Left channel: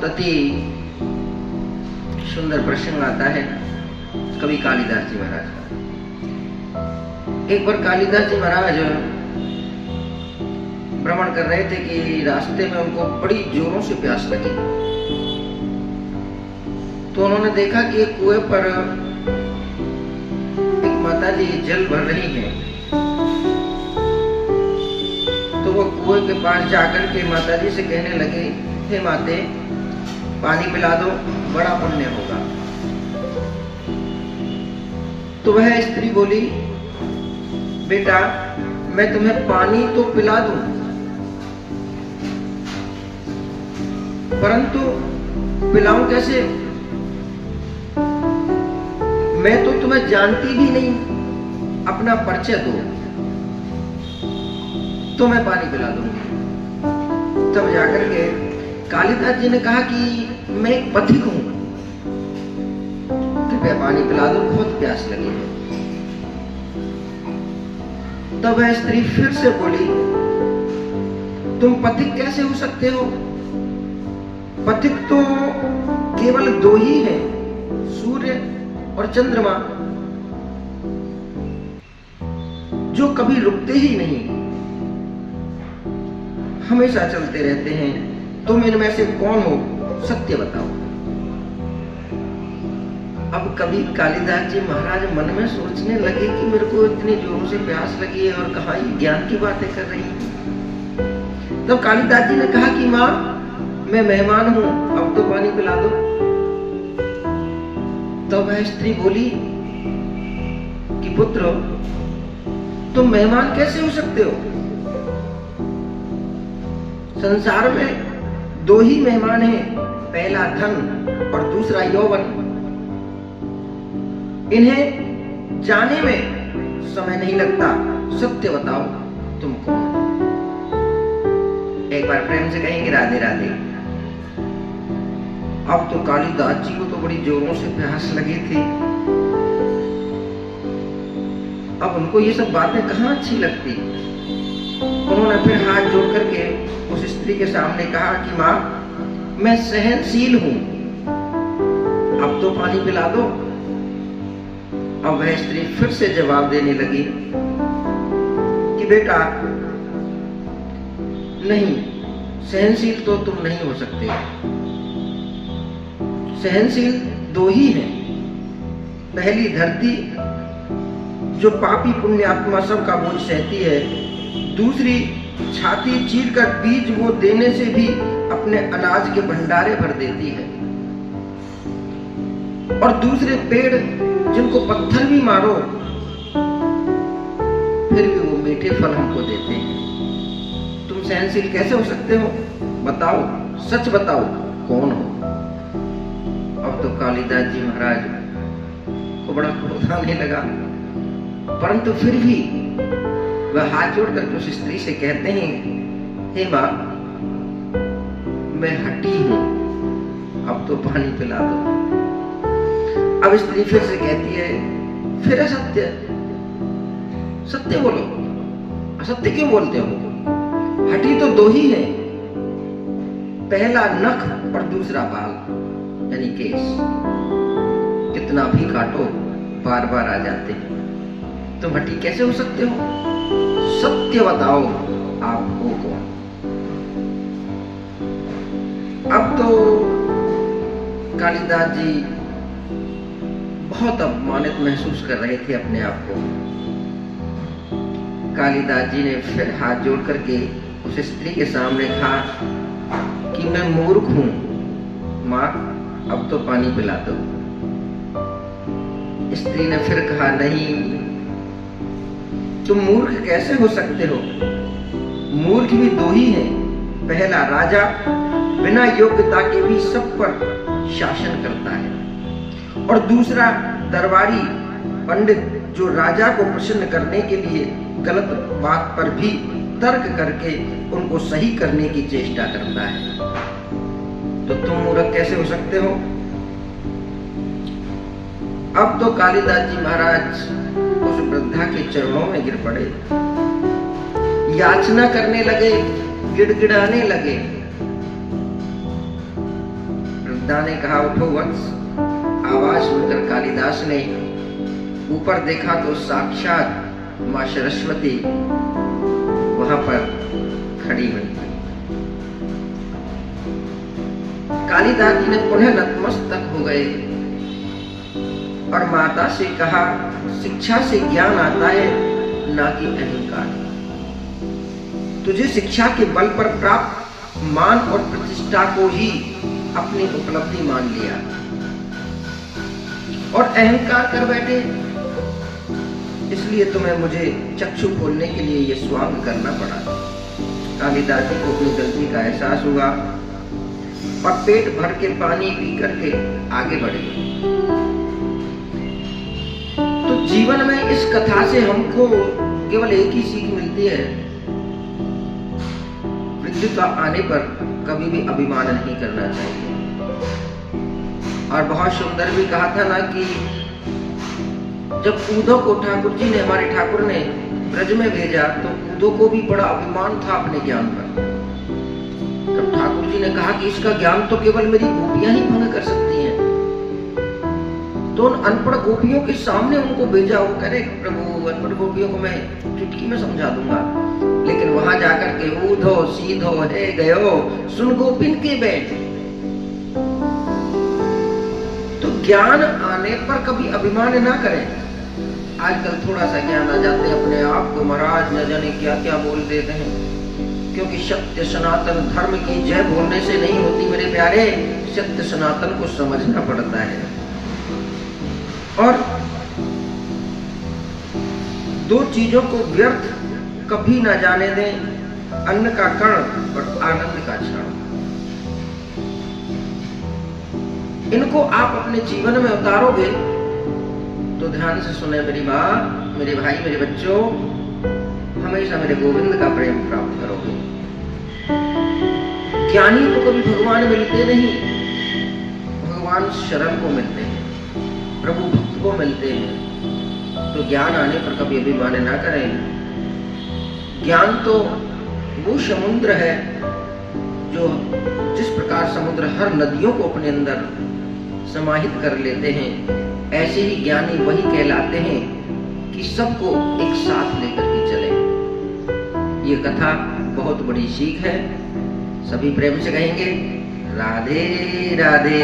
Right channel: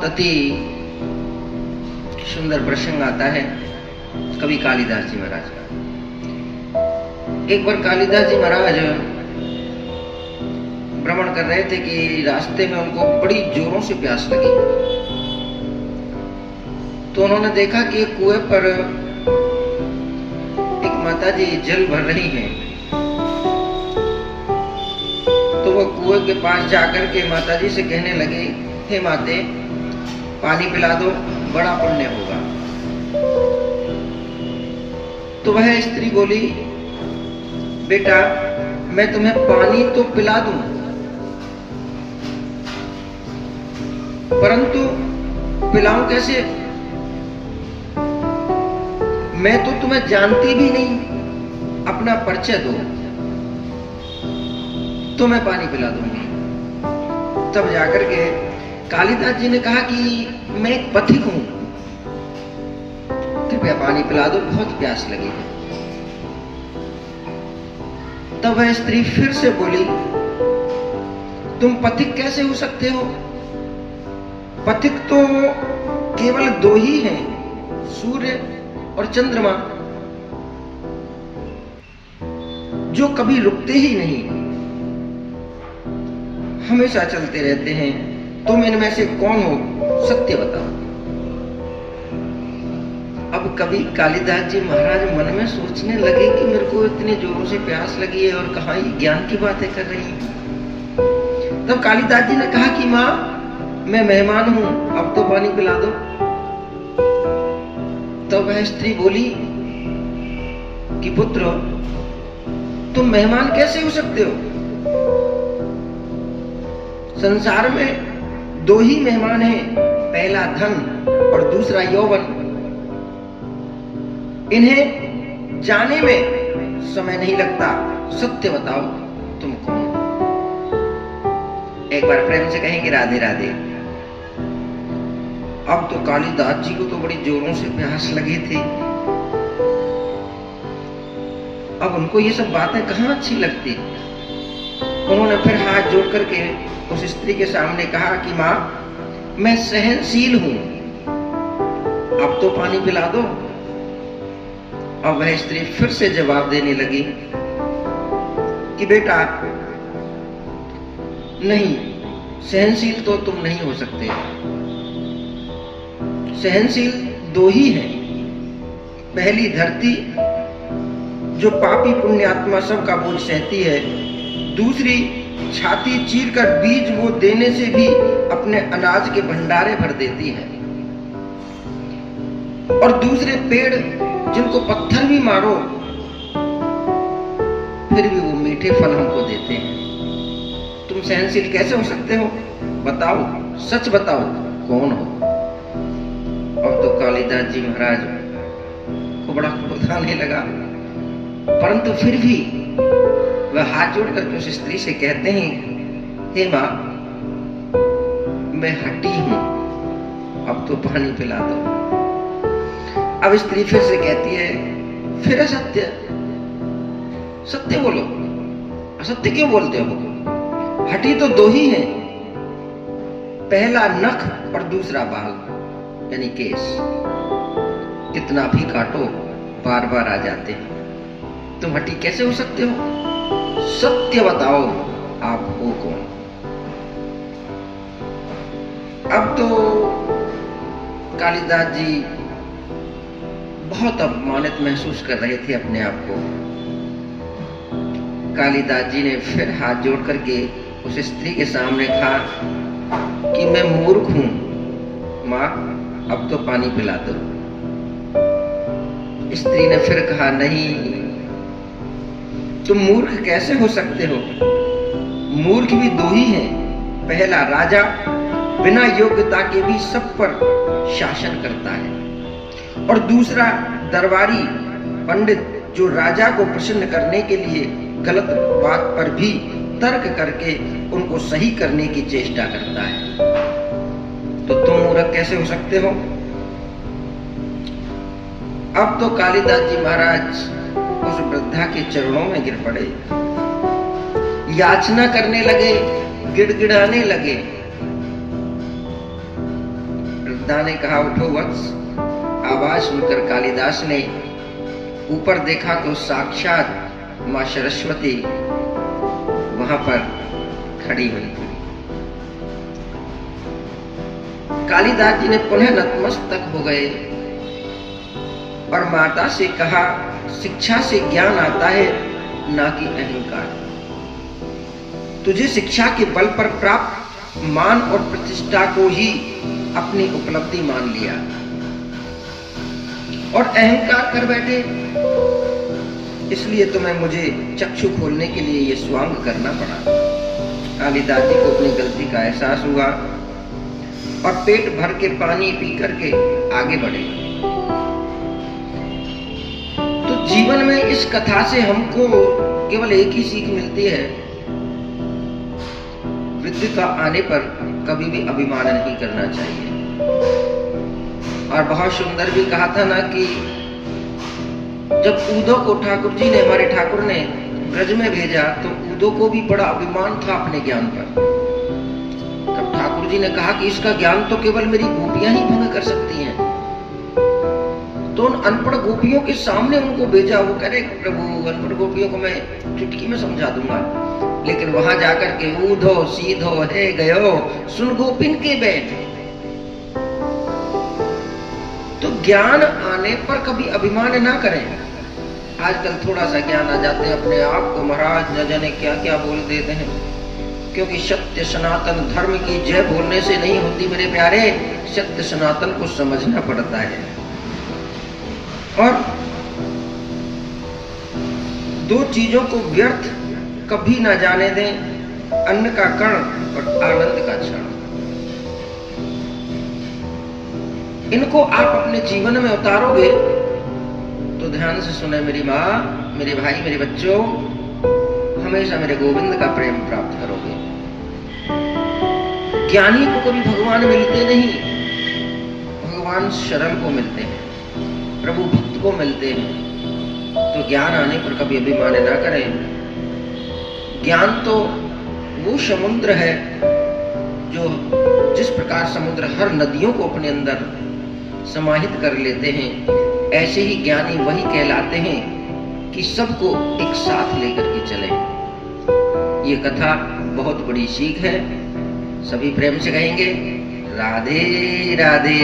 बहुत अति सुंदर प्रसंग आता है कवि कालिदास जी महाराज का। एक बार कालिदास जी महाराज भ्रमण कर रहे थे कि रास्ते में उनको बड़ी जोरों से प्यास लगी। तो उन्होंने देखा कि एक कुएं पर एक माता जी जल भर रही हैं। तो वो कुएं के पास जाकर के माता जी से कहने लगे, हे माते, पानी पिला दो, बड़ा पुण्य होगा। तो वह स्त्री बोली, बेटा मैं तुम्हें पानी तो पिला दूं, परंतु पिलाऊं कैसे? मैं तो तुम्हें जानती भी नहीं, अपना परिचय दो तो मैं पानी पिला दूंगी। तब जाकर के कालिदास जी ने कहा कि मैं एक पथिक हूं, कृपया पानी पिला दो, बहुत प्यास लगी है। तब वह स्त्री फिर से बोली, तुम पथिक कैसे हो सकते हो? पथिक तो केवल दो ही हैं, सूर्य और चंद्रमा, जो कभी रुकते ही नहीं, हमेशा चलते रहते हैं। तुम इनमें से कौन हो, सत्य बताओ। अब कवि कालिदास जी महाराज मन में सोचने लगे कि मेरे को इतने जोरों से प्यास लगी है और कहाँ ये ज्ञान की बातें कर रही हैं। तब कालिदास जी ने कहा कि माँ, मैं मेहमान हूं, अब तो पानी पिला दो। तब वह स्त्री बोली कि पुत्र, तुम मेहमान कैसे हो सकते हो? संसार में दो ही मेहमान हैं, पहला धन और दूसरा यौवन। इन्हें जाने में समय नहीं लगता, सत्य बताओ तुम कौन? एक बार प्रेम से कहेंगे राधे राधे। अब तो कालिदास जी को तो बड़ी जोरों से प्यास लगी थी। अब उनको ये सब बातें कहाँ अच्छी लगती। उन्होंने फिर हाथ जोड़ करके उस स्त्री के सामने कहा कि माँ, मैं सहनशील हूं, अब तो पानी पिला दो। अब वह स्त्री फिर से जवाब देने लगी कि बेटा नहीं, सहनशील तो तुम नहीं हो सकते। सहनशील दो ही हैं, पहली धरती जो पापी पुण्यात्मा सब का बोझ सहती है, दूसरी छाती चीरकर बीज वो देने से भी अपने अनाज के भंडारे भर देती है, और दूसरे पेड़ जिनको पत्थर भी मारो फिर भी वो मीठे फल हमको देते हैं। तुम सहनशील कैसे हो सकते हो? बताओ, सच बताओ, कौन हो? अब तो कालिदास जी महाराज को बड़ा क्रोध आने लगा, परंतु फिर भी वह हाथ जोड़कर उस स्त्री से कहते हैं, हे माँ, मैं हटी हूं, अब तो पानी पिला दो। अब स्त्री फिर से कहती है, फिर असत्य, सत्य बोलो, असत्य क्यों बोलते हो? हटी तो दो ही हैं, पहला नख और दूसरा बाल यानी केस, कितना भी काटो बार बार आ जाते हैं। तुम हटी कैसे हो सकते हो? सत्य बताओ, आप हो कौन? अब तो कालिदास जी बहुत अपमानित महसूस कर रहे थे अपने आप को। कालिदास जी ने फिर हाथ जोड़ करके उस स्त्री के सामने कहा कि मैं मूर्ख हूं, माँ, अब तो पानी पिला दो। स्त्री ने फिर कहा, नहीं, तुम मूर्ख कैसे हो सकते हो? मूर्ख भी दो ही हैं, पहला राजा बिना योग्यता के भी सब पर शासन करता है, और दूसरा दरबारी पंडित जो राजा को प्रसन्न करने के लिए गलत बात पर भी तर्क करके उनको सही करने की चेष्टा करता है। तो तुम मूर्ख कैसे हो सकते हो? अब तो कालिदास जी महाराज उस वृद्धा के चरणों में गिर पड़े, याचना करने लगे, गिड़गिड़ाने लगे वृद्धा ने कहा, उठो वत्स। आवाज सुनकर कालिदास ने ऊपर देखा तो साक्षात मां सरस्वती वहां पर खड़ी हुई। कालिदास जी ने पुनः नतमस्तक हो गए और माता से कहा, शिक्षा से ज्ञान आता है, ना कि अहंकार। तुझे शिक्षा के बल पर प्राप्त मान और प्रतिष्ठा को ही अपनी उपलब्धि मान लिया और अहंकार कर बैठे, इसलिए तुम्हें मुझे चक्षु खोलने के लिए ये स्वांग करना पड़ा। कालिदास जी को अपनी गलती का एहसास हुआ और पेट भर के पानी पी करके आगे बढ़े। तो जीवन में इस कथा से हमको केवल एक ही सीख मिलती है, वृद्धता आने पर कभी भी अभिमान नहीं करना चाहिए। और बहुत सुंदर भी कहा था ना कि जब उद्धव को ठाकुर जी ने, हमारे ठाकुर ने ब्रज में भेजा तो उद्धव को भी बड़ा अभिमान था अपने ज्ञान पर। तब ठाकुर जी ने कहा कि इसका ज्ञान तो केवल मेरी गोपियां ही भंग कर सकती हैं। तो उन अनपढ़ गोपियों के सामने उनको भेजा। वो कह रहे, प्रभु अनपढ़ गोपियों को मैं चुटकी में समझा दूंगा, लेकिन वहां जाकर के ऊधो सीधो हे गयो सुन गोपिन के बैठ। तो ज्ञान आने पर कभी अभिमान ना करें। आजकल थोड़ा सा ज्ञान आ जाते हैं, अपने आप को महाराज न जाने क्या क्या बोल देते हैं, क्योंकि सत्य सनातन धर्म की जय बोलने से नहीं होती मेरे प्यारे, सत्य सनातन को समझना पड़ता है। और दो चीजों को व्यर्थ कभी ना जाने दें, अन्न का कण और आनंद का क्षण। इनको आप अपने जीवन में उतारोगे तो ध्यान से सुने मेरी माँ, मेरे भाई, मेरे बच्चों, हमेशा मेरे गोविंद का प्रेम प्राप्त करोगे। ज्ञानी को कभी भगवान मिलते नहीं, भगवान शरण को मिलते हैं, प्रभु भक्त को मिलते हैं। तो ज्ञान आने पर कभी अभिमान ना करें। ज्ञान तो वो समुद्र है जो, जिस प्रकार समुद्र हर नदियों को अपने अंदर समाहित कर लेते हैं, ऐसे ही ज्ञानी वही कहलाते हैं कि सबको एक साथ लेकर के चले। ये कथा बहुत बड़ी सीख है। सभी प्रेम से कहेंगे, राधे राधे।